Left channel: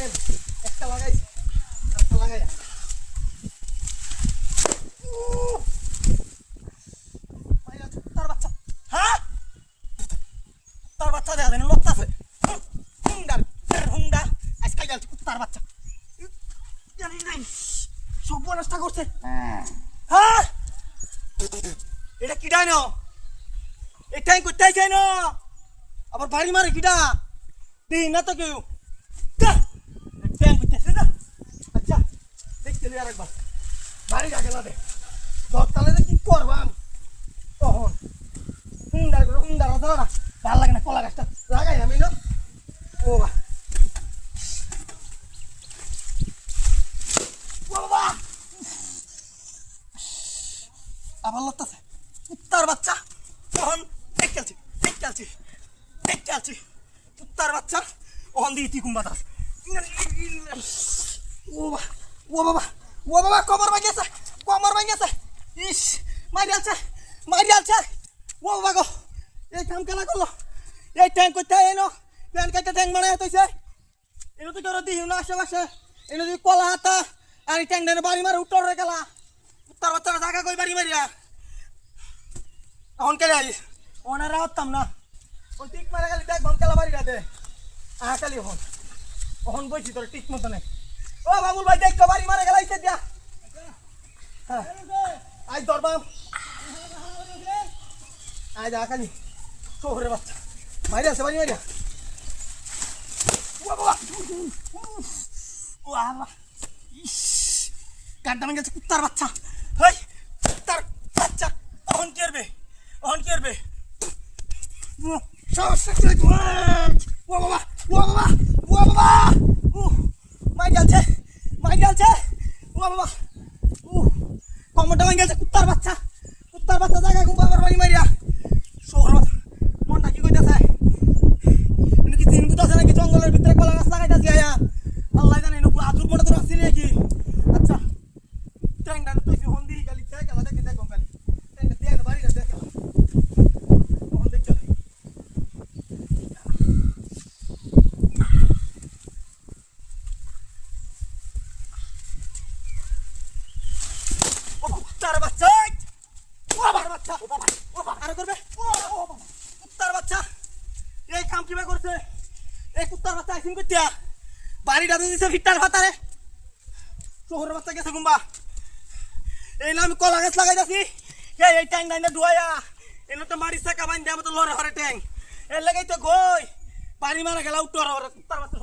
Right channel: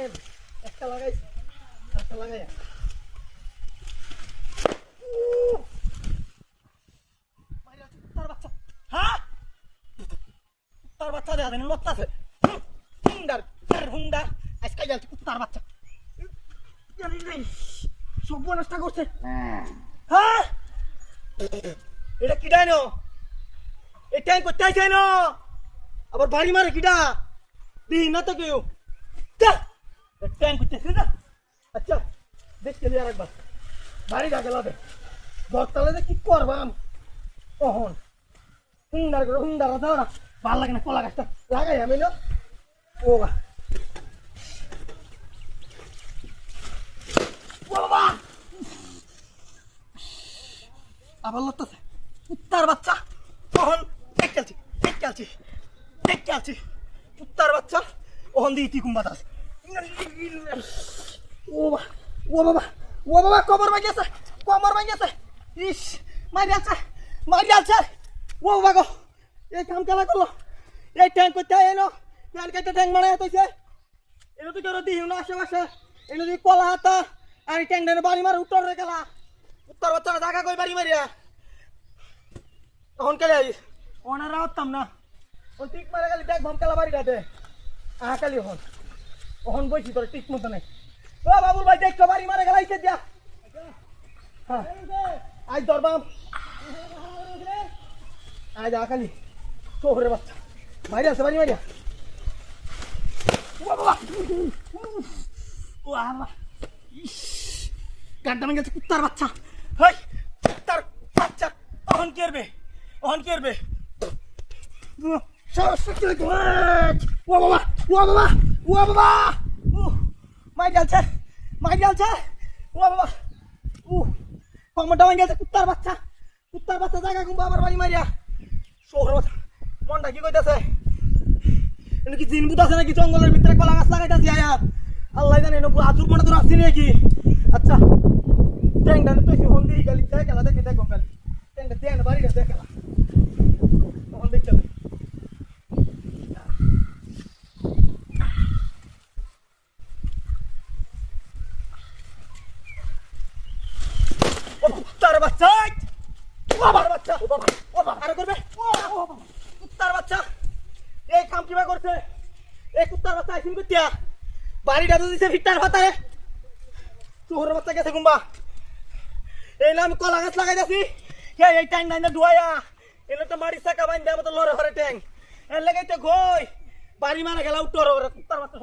একটা লাগাই একটা লাগাই তার বাচ্চা হ্যাঁ তার বাচ্চা দেখা যায় না লড়তাছে হুন্ডার হুন্ডা আজকাল যাচ্ছে কুত্তার বাচ্চা জানি নাই সব নষ্ট করছে হ্যাঁ এটা কি ডাইনো এটাই করতে চাই না আবার বাড়ি মারে কিডা দিই না তো কেউ ট্যাঙ্ক করতেছে না আচ্ছা দেখতে দিই আরেকবার বাড়ি যাকে লাদে দরতালে কি করবাম তখন হুন্ডারা ধরা ভাল লাগে না কলা গাছটা লাগাই আমি না ও বাবা আবার লড়তেছে কুত্তার বাচ্চা তখন দেখতে কুত্তার বাচ্চা ওখান দিয়ে তুই কুম্বাতাস ও বাবা কমর ভাঙিয়েছে ইস মারি আলছে ও বাবা গো এই কাম খেলা করলো এই ট্যাঙ্ক করতে এনো প্যান কাটতে ট্যাঙ্ক বানায় তৈছে এনে তো কেউ দিই না আশেপাশে এনে যদি কলা হাতা আর ট্যাঙ্ক ডেনে বাড়ি মারে উত্তর রে গেলা কুত্তার বাচ্চারা জায়গা কই বাড়ি মারিয়া তখন কেলে আইস ওনারা হতাম না ওই টিক মারা গেলি দেখ ভমকালা বাড়ি রাতে কালি ওখন বইছি তোর টিক মতো নেই ও বাবুল ভাই দেখছো বাড়ি মারা গেলাইছে দিয়া হ্যাঁ আজ দরবাম আজ কালি চোখের বাচ্চা মারি আছে বাড়ি মারিয়া ও আমার ইস গাড্ডা ভেঙে গেছে কুত্তার বাচ্চা হেই কুত্তার বাচ্চা ওখন কি করবে ও বাবা মাই গেছে ও বাবা কমরটা ভেঙে গেছে কুত্তার বাচ্চা জায়গা ঘুম বাবার বাড়ি মারিয়া শহর মনটা কি কইতাছে কি দিন বুঝ আছে নাকি জঙ্গলের ভিতরে কলা গাছ লাগাইতাছি আয়া আল্লাহ জানে আজুর মনে তোর আসছি নাকি আচ্ছা ট্যাংটা তুই ফোন দিয়ে গেলি খেলা দেখি দেখো গেলি ট্যাংটা দিয়ে না বাড়ি গেছে দেখে কুত্তার বাচ্চা এই কাম কিবা করছে এই কুত্তার বাচ্চা আইসিন করতিয়া বাড়িটা তো দিছে ভিটার ভাতারে শহরের বাচ্চা গেছে গুম্বা এই না আমি কলা গাছ লাগাইতাছি এই ট্যাং নাই না ডুয়াইয়া এলে তো মারি চাকা বাইন দেওয়া মতো লড়ে হরে ট্যাং এর লাগাইতে গই বাড়ি মারা গেলা উত্তর কুত্তার বাচ্চা